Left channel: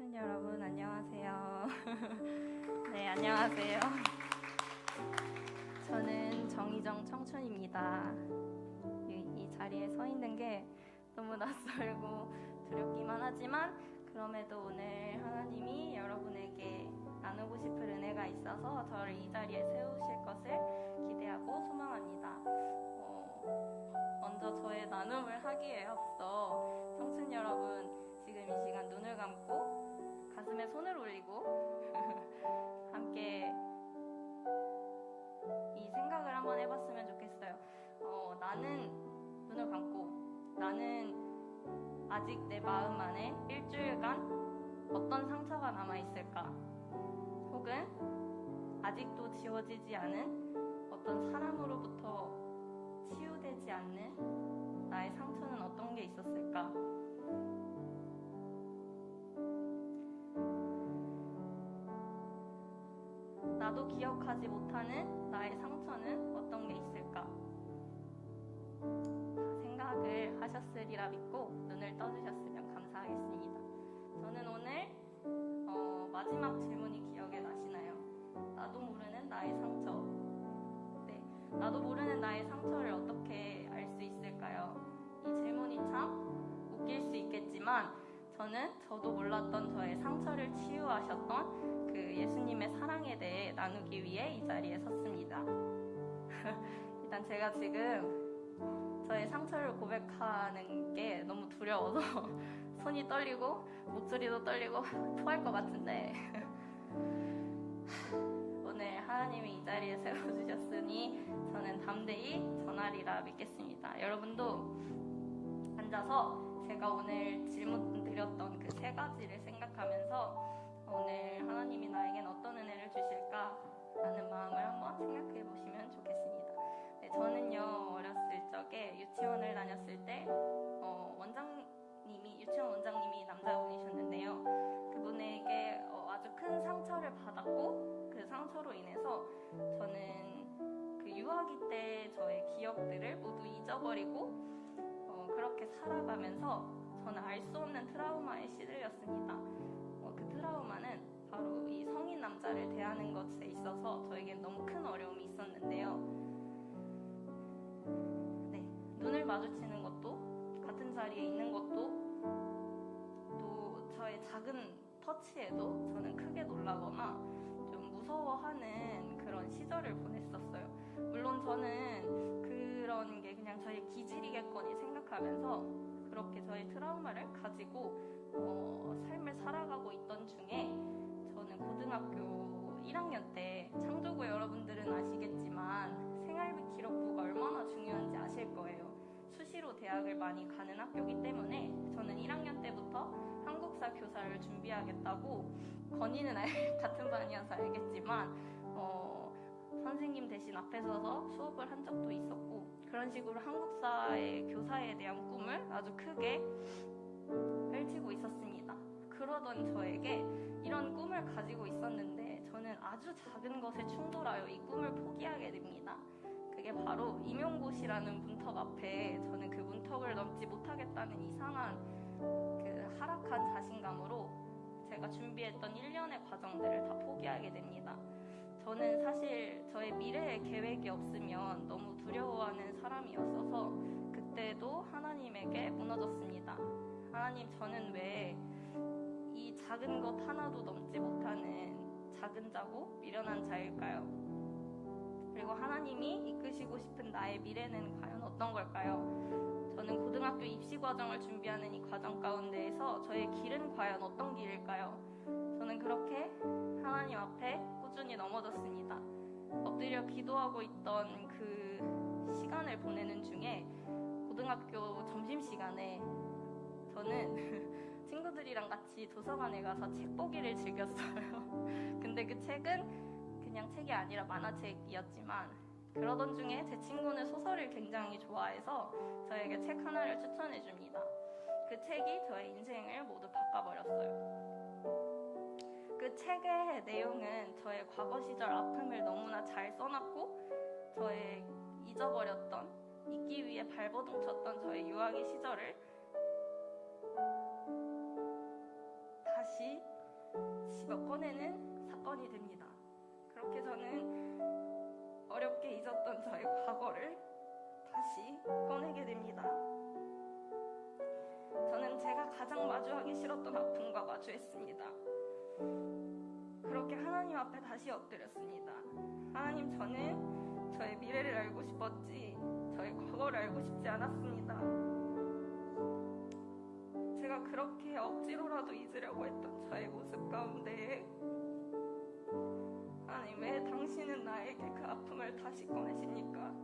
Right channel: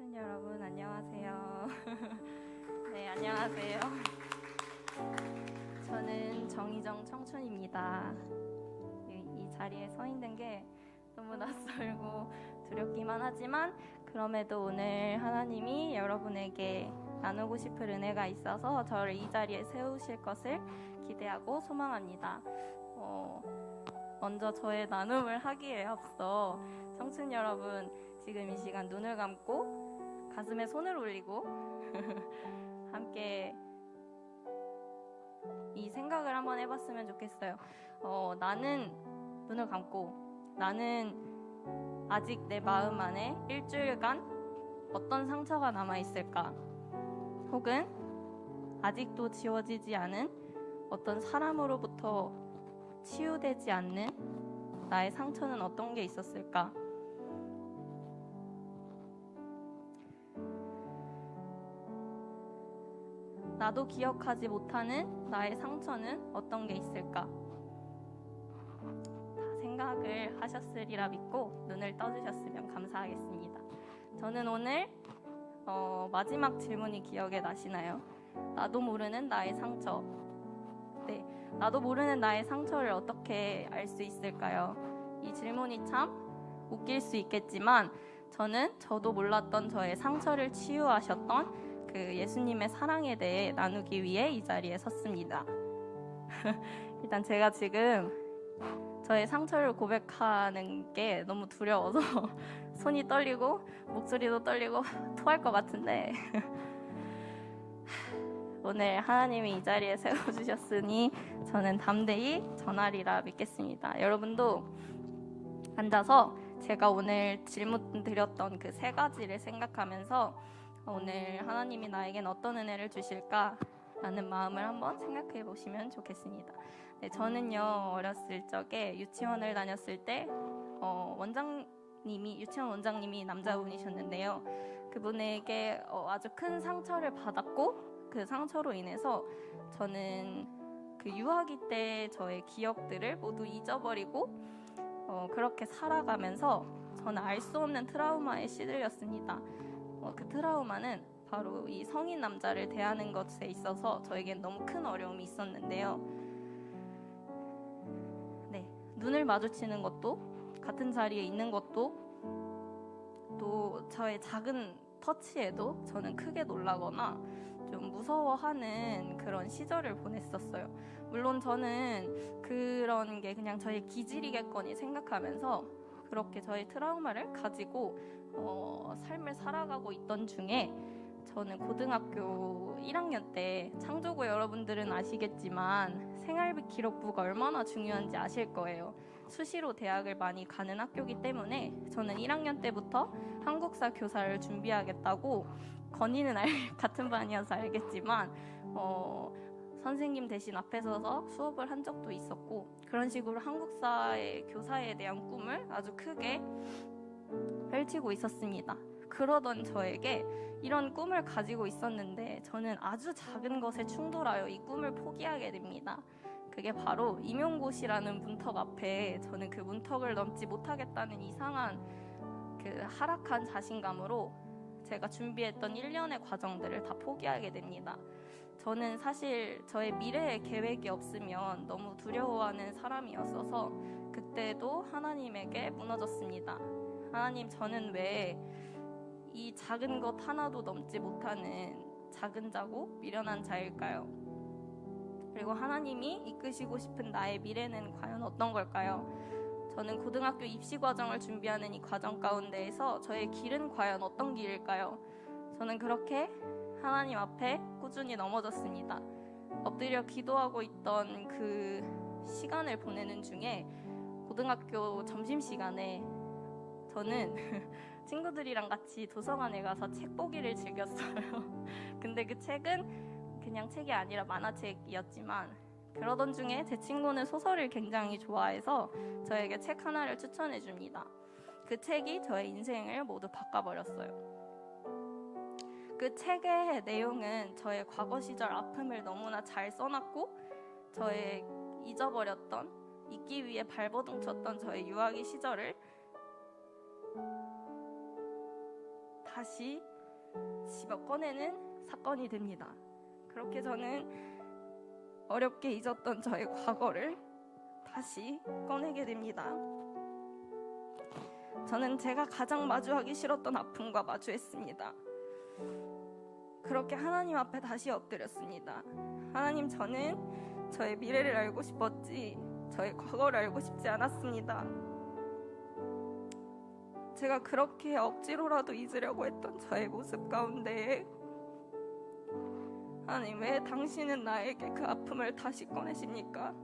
청춘 여러분 안녕하세요. 네, 안녕하세요. 저는 정희정 청춘입니다. 이 자리에 서 있는 게 너무 낯설고 두렵기만 하지만 그럼에도 오늘 하나님이 여러분에게 나누고 싶은 은혜가 있어서 저를 이 자리에 세우실 것을 기대하고 소망합니다. 먼저 저의 나눔을 하기에 앞서 청춘 여러분 지금 이 시간 눈을 감고 가슴에 손을 올리고 함께 이 생각을 한번 해봤으면 좋겠어요. 나는 눈을 감고 나는 아직 내 마음 안에 일주일간 어떤 상처가 남아있을까? 혹은 아직도 지워지지 않은 어떤 사람으로부터 치유되지 않는 나의 상처는 어떤 게 있었을까? 나도 기억하지 못하는 나의 상처는 어떤 게 있을까? 다 생각을 하셨으리라 믿고 눈을 떠주셨으면 감사하겠습니다. 저는 오늘 마지막 질문이 기억에 나시나요? 나도 모르는 나의 상처. 네, 나도 모르는 나의 상처를 어떻게 알 수 있을까요? 이 질문이 참 웃길 수 있겠지만 저도 몰랐던 저의 상처를 치유하셨던 그 예수님의 사랑에 대해 나누기 위해 이 자리에 섰습니다. 일단 제가 지금 저의 상처를 고백하는 게 너무 두려워서 손이 떨리고 목소리도 떨리고 토할 것 같은데 오늘 하나님이 이 자리에 세워주셨으니 저는 담대히 전하리라 믿겠습니다. 여러분도 앉아서 제가 오늘 질문 드렸던 그 세 가지를 생각하면서 오늘 하나님이 나에겐 어떤 은혜를 주실까 라는 마음을 한번 생각해 보시면 좋겠습니다. 네, 저는요 어렸을 적에 유치원을 다녔을 때 유치원 원장님이 남자분이셨는데요. 그분에게 아주 큰 상처를 받았고 그 상처로 인해서 저는 그 유아기 때 저의 기억들을 모두 잊어버리고 그렇게 살아가면서 저는 알 수 없는 트라우마에 시들렸습니다. 그 트라우마는 바로 이 성인 남자를 대하는 것에 있어서 저에겐 너무 큰 어려움이 있었는데요. 네, 눈을 마주치는 것도 같은 자리에 있는 것도 또 저의 작은 터치에도 저는 크게 놀라거나 좀 무서워하는 그런 시절을 보냈었어요. 물론 저는 그런 게 그냥 저의 기질이겠거니 생각하면서 그렇게 저의 트라우마를 가지고 삶을 살아가고 있던 중에 저는 고등학교 1학년 때 창조고 여러분들은 아시겠지만 생활비 기록부가 얼마나 중요한지 아실 거예요. 수시로 대학을 많이 가는 학교이기 때문에 저는 1학년 때부터 한국사 교사를 준비하겠다고 건이는 같은 반이어서 알겠지만 선생님 대신 앞에 서서 수업을 한 적도 있었고 그런 식으로 한국사의 교사에 대한 꿈을 아주 크게 펼치고 있었습니다. 그러던 저에게 이런 꿈을 가지고 있었는데 저는 아주 작은 것에 충돌하여 이 꿈을 포기하게 됩니다. 그게 바로 임용고시라는 문턱 앞에 저는 그 문턱을 넘지 못하겠다는 이상한 그 하락한 자신감으로 제가 준비했던 1년의 과정들을 다 포기하게 됩니다. 저는 사실 저의 미래에 계획이 없으면 너무 두려워하는 사람이었어서 그때도 하나님에게 무너졌습니다. 하나님, 저는 왜 이 작은 것 하나도 넘지 못하는 작은 자고 미련한 자일까요? 그리고 하나님이 이끄시고 싶은 나의 미래는 과연 어떤 걸까요? 저는 고등학교 입시 과정을 준비하는 이 과정 가운데에서 저의 길은 과연 어떤 길일까요? 저는 그렇게 하나님 앞에 꾸준히 넘어졌습니다. 엎드려 기도하고 있던 그 시간을 보내는 중에 고등학교 점심시간에 저는 친구들이랑 같이 도서관에 가서 책 보기를 즐겼어요. 근데 그 책은 그냥 책이 아니라 만화책이었지만 그러던 중에 제 친구는 소설을 굉장히 좋아해서 저에게 책 하나를 추천해 줍니다. 그 책이 저의 인생을 모두 바꿔버렸어요. 그 책의 내용은 저의 과거 시절 아픔을 너무나 잘 써놨고 저의 잊어버렸던 잊기 위해 발버둥 쳤던 저의 유아기 시절을 다시 집어 꺼내는 사건이 됩니다. 그렇게 저는 어렵게 잊었던 저의 과거를 다시 꺼내게 됩니다. 저는 제가 가장 마주하기 싫었던 아픔과 마주했습니다. 그렇게 하나님 앞에 다시 엎드렸습니다. 하나님, 저는 저의 미래를 알고 싶었지 저의 과거를 알고 싶지 않았습니다. 제가 그렇게 억지로라도 잊으려고 했던 저의 모습 가운데 하나님, 왜 당신은 나에게 그 아픔을 다시 꺼내십니까?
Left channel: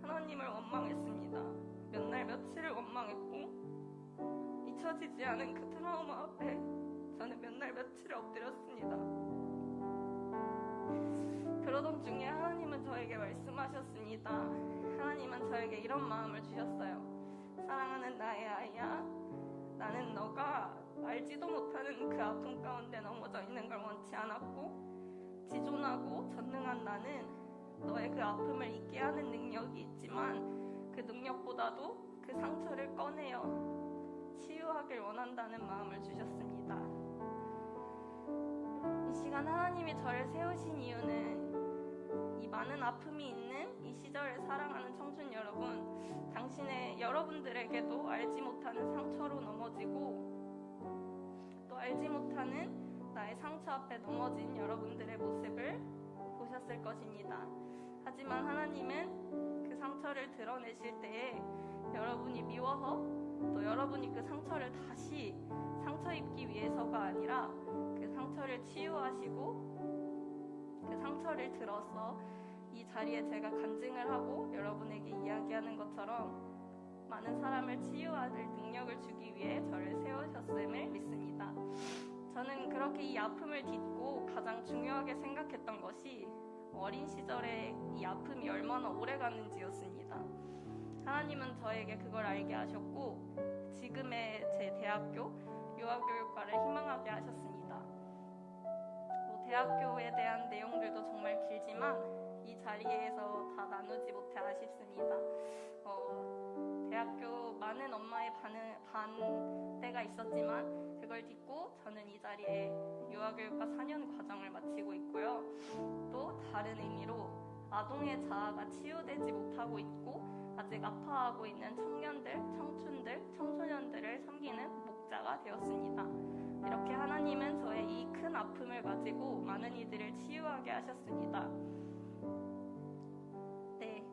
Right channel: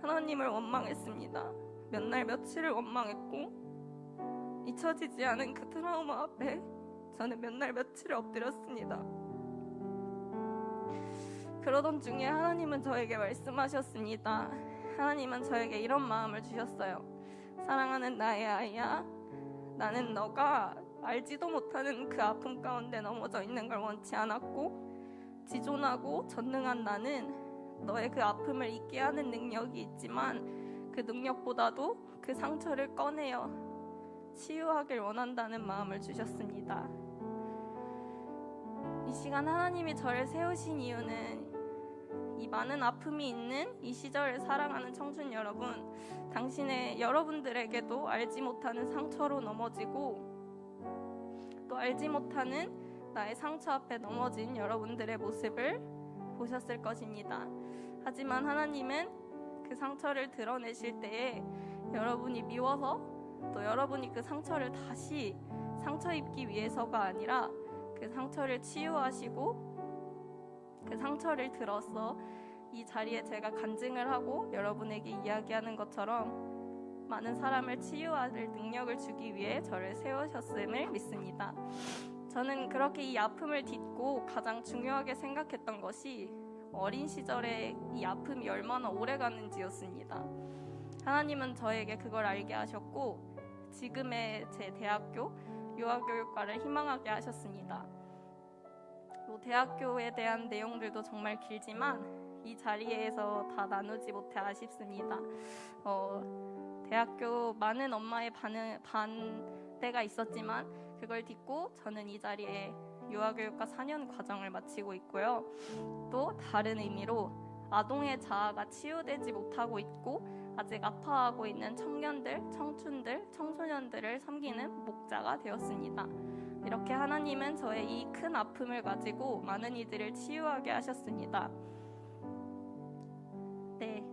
하나님을 원망했습니다. 몇 날 며칠을 원망했고 잊혀지지 않은 그 트라우마 앞에 저는 몇 날 며칠을 엎드렸습니다. 그러던 중에 하나님은 저에게 말씀하셨습니다. 하나님은 저에게 이런 마음을 주셨어요. 사랑하는 나의 아이야, 나는 너가 알지도 못하는 그 아픔 가운데 넘어져 있는 걸 원치 않았고, 지존하고 전능한 나는 너의 그 아픔을 잊게 하는 능력이 있지만 그 능력보다도 그 상처를 꺼내어 치유하길 원한다는 마음을 주셨습니다. 이 시간 하나님이 저를 세우신 이유는 이 많은 아픔이 있는 이 시절을 사랑하는 청춘 여러분, 여러분들에게도 알지 못하는 상처로 넘어지고 또 알지 못하는 나의 상처 앞에 넘어진 여러분들의 모습을 보셨을 것입니다. 하지만 하나님은 그 상처를 드러내실 때에 여러분이 미워서 또 여러분이 그 상처를 다시 상처 입기 위해서가 아니라 그 상처를 치유하시고 그 상처를 들어서 이 자리에 제가 간증을 하고 여러분에게 이야기하는 것처럼 많은 사람을 치유할 능력을 주기 위해 저를 세우셨음을 믿습니다. 저는 그렇게 이 아픔을 딛고 가장 중요하게 생각했던 것이 어린 시절에 이 아픔이 얼마나 오래 가는지였습니다. 하나님은 저에게 그걸 알게 하셨고 지금의 제 대학교 유아교육과를 희망하게 하셨습니다. 대학교에 대한 내용들도 정말 길지만 이 자리에서 다 나누지 못해 아쉽습니다. 대학교 많은 엄마의 반대가 있었지만 그걸 딛고 저는 이 자리에 유아교육과 4년 과정을 마치고 있고요. 또 다른 의미로 아동의 자아가 치유되지 못하고 있고 아직 아파하고 있는 청년들, 청춘들, 청소년들을 섬기는 목자가 되었습니다. 이렇게 하나님은 저의 이 큰 아픔을 가지고 많은 이들을 치유하게 하셨습니다. 네,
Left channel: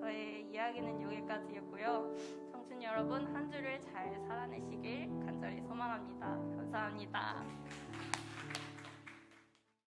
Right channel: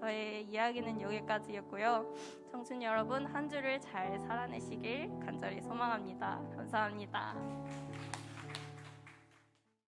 저의 이야기는 여기까지였고요. 청춘 여러분, 한 주를 잘 살아내시길 간절히 소망합니다. 감사합니다.